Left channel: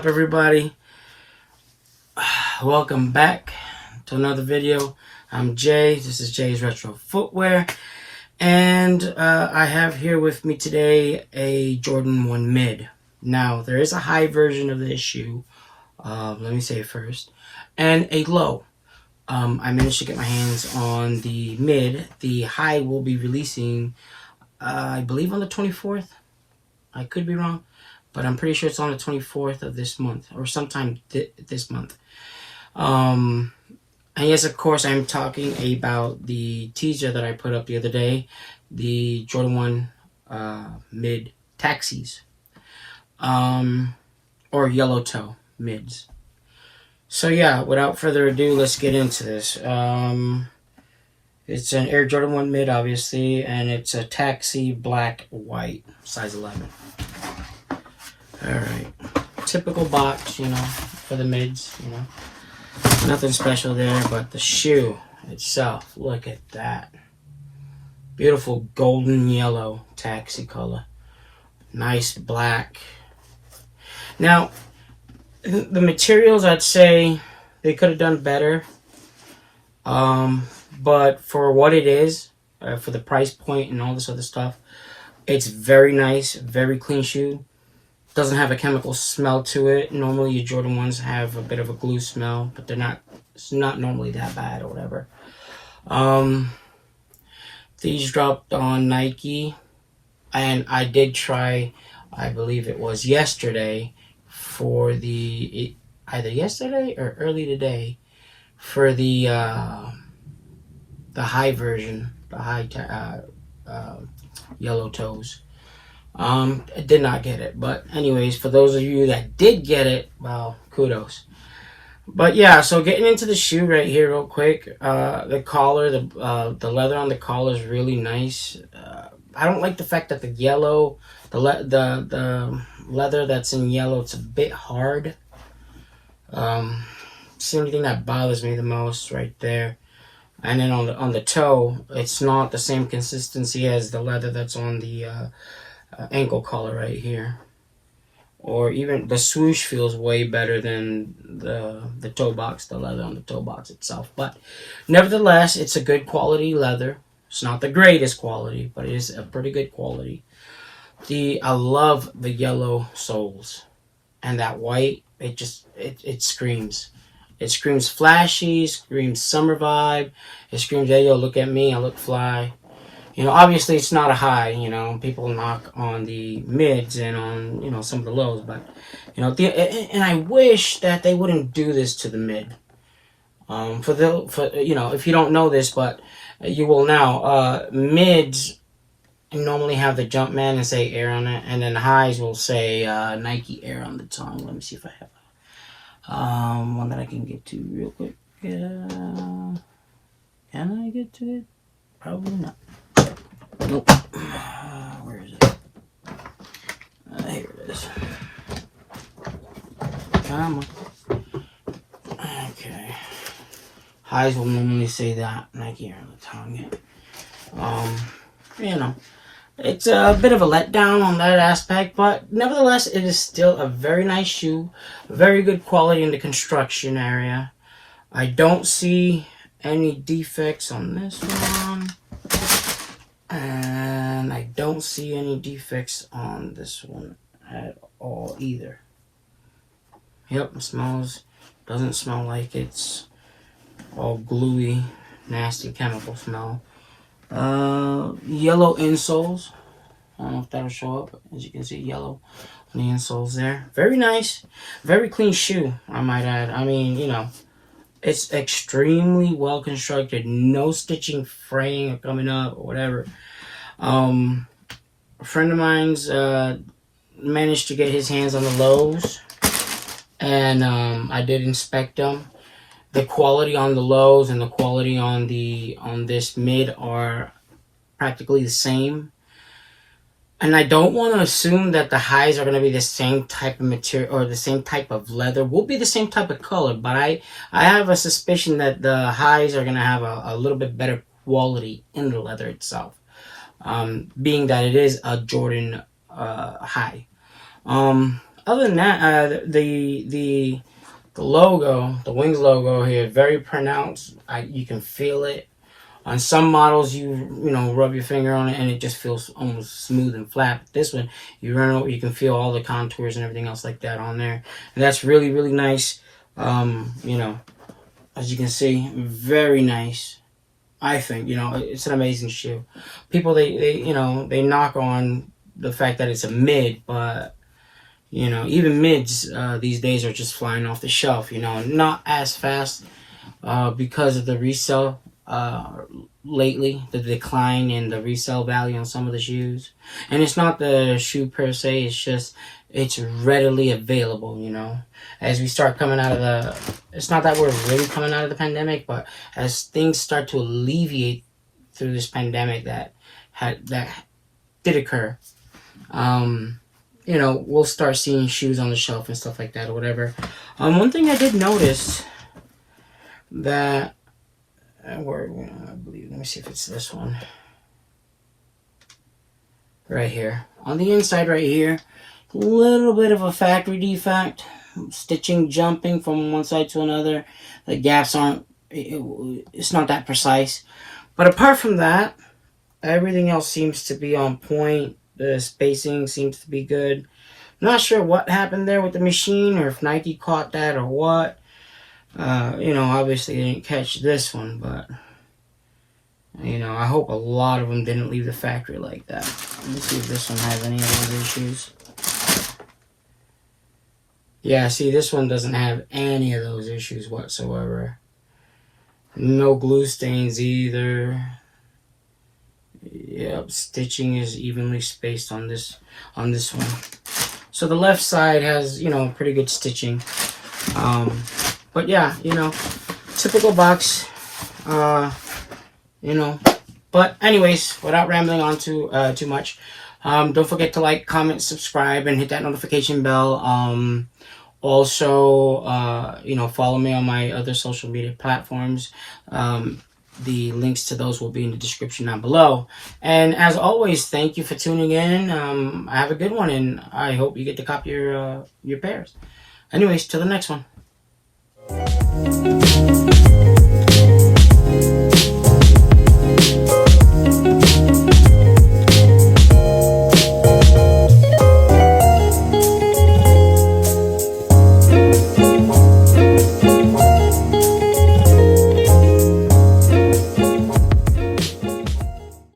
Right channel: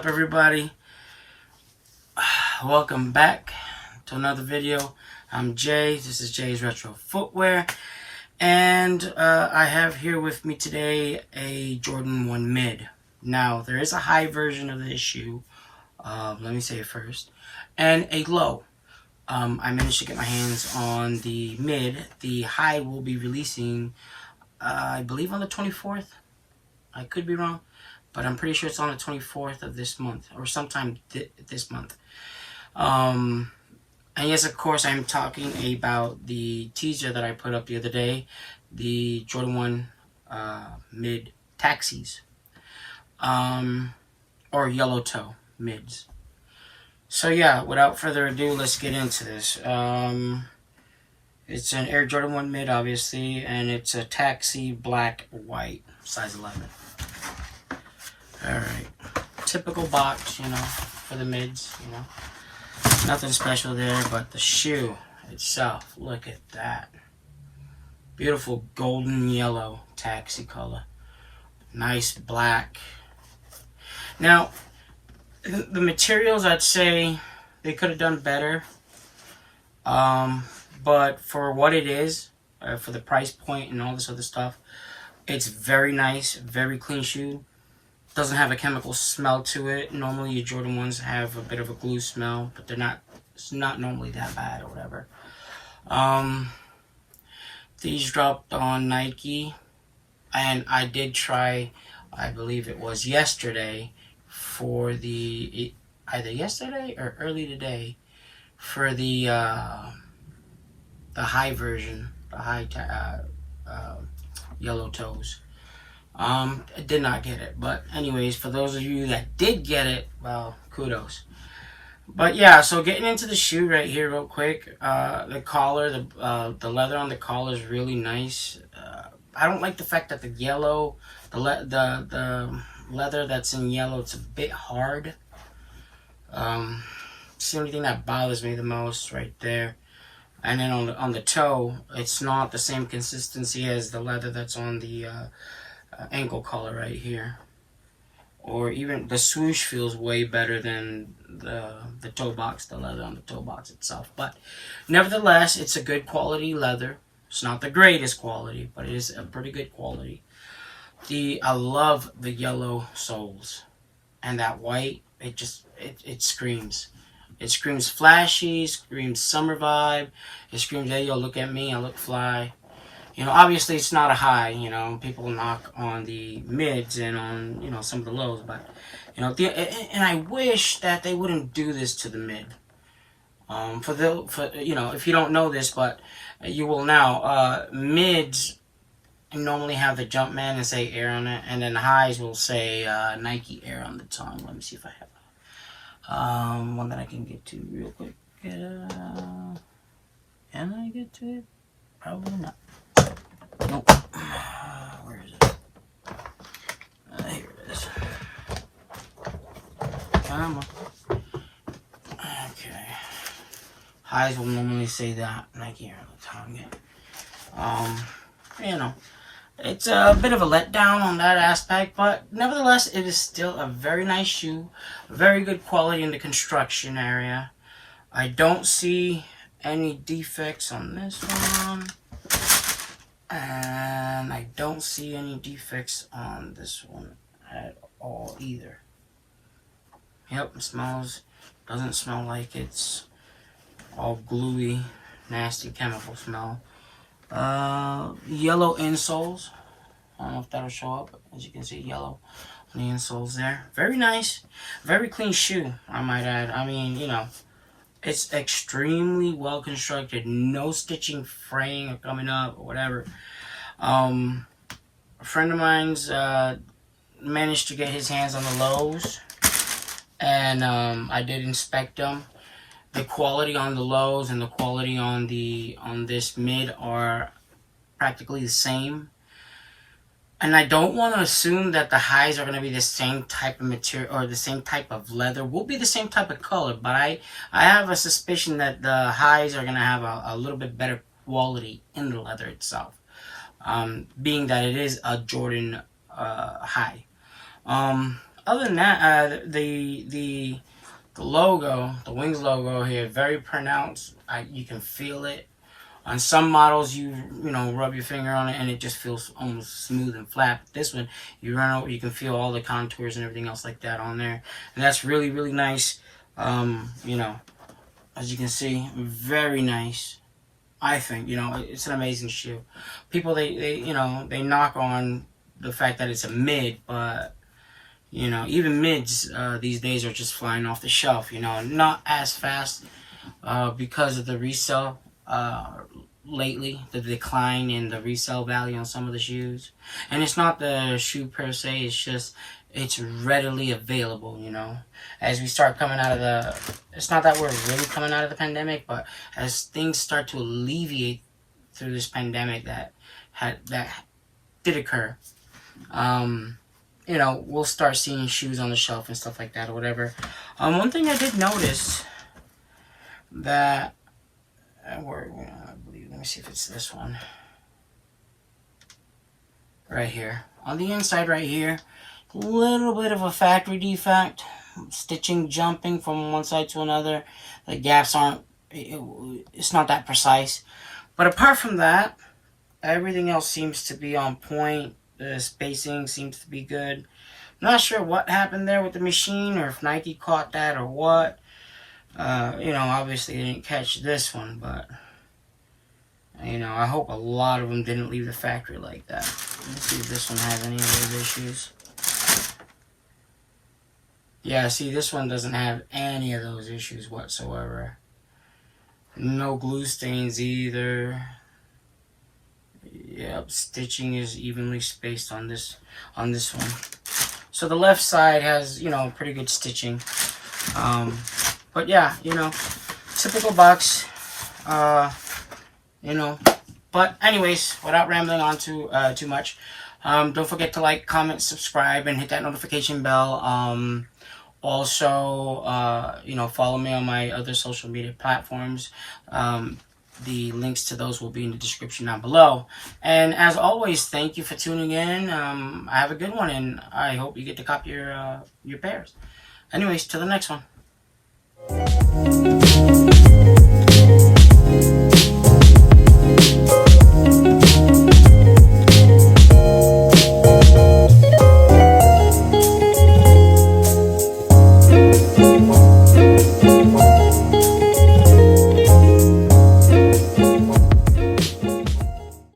up, everybody? Welcome back to another video. I'm Jay. This is Jay's Retro Footwear, and I have here with me today a Jordan 1 mid. Now, there is a high version of this shoe, let me say it first, and a low. I managed to get my hands on the mid. The high will be releasing, I believe, on the 24th. I could be wrong, but I'm pretty sure it's on the 24th of this month, or sometime this month. And yes, of course, I'm talking about the teaser that I put up the other day, the Jordan 1 mid taxis, or yellow toe mids. So yeah, without further ado, let's get into this. It's an Air Jordan 1 mid, obviously, and it's a taxi black white, size 11. Alright, typical box, for the mids, Nothing special there, but the shoe itself, look at that. Beautiful golden yellow taxi color. Nice black. Now, the materials, I'd say they could have done better. But for what it is, for the price point and all this other stuff, it's very nice, very clean shoe. Doesn't have a chemical smell to it. Normally your Jordan 1s have a bit of a glue smell, but it's not normally that bad or whatever. These dropped on Nike, and I did try, I believe it was yesterday, for either yesterday or early today, for the high version, the high yellow toes. I did not get it, but anyways, for those of you that did get it, well, kudos. But yeah, so getting into the shoe right here real quick, the collar, the leather on the collar is really nice. I don't like the fact that the yellow, the leather that's in yellow, it's a bit hard. It's the only thing that bothers me the most right there. And then on the toe, it's not the same consistency as the leather that's on the ankle collar right here. Or even the swoosh feels way better than the toe box, the leather on the toe box itself. But nevertheless, it's a good quality leather. It's not the greatest quality, but it is a pretty good quality. I love the yellow soles, and that white, it screams. It screams flashy, screams summer vibe. It screams, hey, yo, look at me, I look fly. Obviously it's not a high, people knock on the mids and on, some of the lows, but, and I wish that they wouldn't do this to the mid. If you don't know this, but you will now, mids normally have the Jumpman and say Air on it, and then highs will say Nike Air on the tongue. Let me see if I have one that I can get to real quick. Can I get to it? Probably not. Nope. Where is it? Here it is. Come on. Okay. Highs will normally say that. Nike Air on the tongue. It's a bit of a letdown on that aspect, but nevertheless, it is still a very nice shoe. Very good quality in the construction area. I don't see any defects on this one. And I don't see any defects on this one at all either. Yep, it doesn't smell like it's all gluey, nasty chemical smell. Yellow insoles. I don't know if that'll show up. As you can see, yellow on the insoles there. Very nice. Very clean shoe, I might add. I mean, it's extremely well constructed. No stitching, fraying, or coming up, or whatever. A friend of mine's managed to get his hands on the lows, and I did inspect them. The quality on the lows and the quality on this mid are practically the same. And I don't want to assume that the highs are going to be the same type of material or the same type of leather. Will be the same type of color, but I have a suspicion that the highs are going to have a little bit better quality in the leather itself, being that it is a Jordan high. other than that, the logo, the Wings logo here, very pronounced. You can feel it. On some models, you rub your finger on it and it just feels almost smooth and flat. This one, you run over, you can feel all the contours and everything else like that on there, and that's really, really nice. As you can see, very nice. I think it's an amazing shoe. People they knock on the fact that it's a mid, but even mids these days are just flying off the shelf. Not as fast because of the resale. Lately, the decline in the resale value on some of the shoes, and it's not the shoe per se, it's just it's readily available. As we start coming out of it's not that we're really coming out of the pandemic, but as things start to alleviate through this pandemic that did occur, we'll start seeing shoes on the shelf and stuff like that or whatever. One thing I did notice that I believe, let me see if it's this one. Right here. On the inside right here, a little bit of a factory defect. Stitching jumping from one side to another. The gaps aren't, it's not that precise. But apart from that, everything else seems to be on point. The spacing seems to be good. Not sure what happened there with the machine or if Nike caught that or what. Obviously they didn't catch this one, but I hope a lot of them didn't leave the factory like that. Let me see if this one has any of those issues. Yeah, see, this one doesn't have any of those issues whatsoever. No glue stains either. Yep, stitching is evenly spaced on this one. So the left side has, pretty good stitching. But yeah, typical box, But anyways, without rambling on too much, don't forget to like, comment, subscribe, and hit that notification bell. Also, follow me on my other social media platforms. The links to those will be in the description down below. And as always, thank you for tuning in. Have a good one, and I hope you get to copy your pairs. Anyways, till the next one.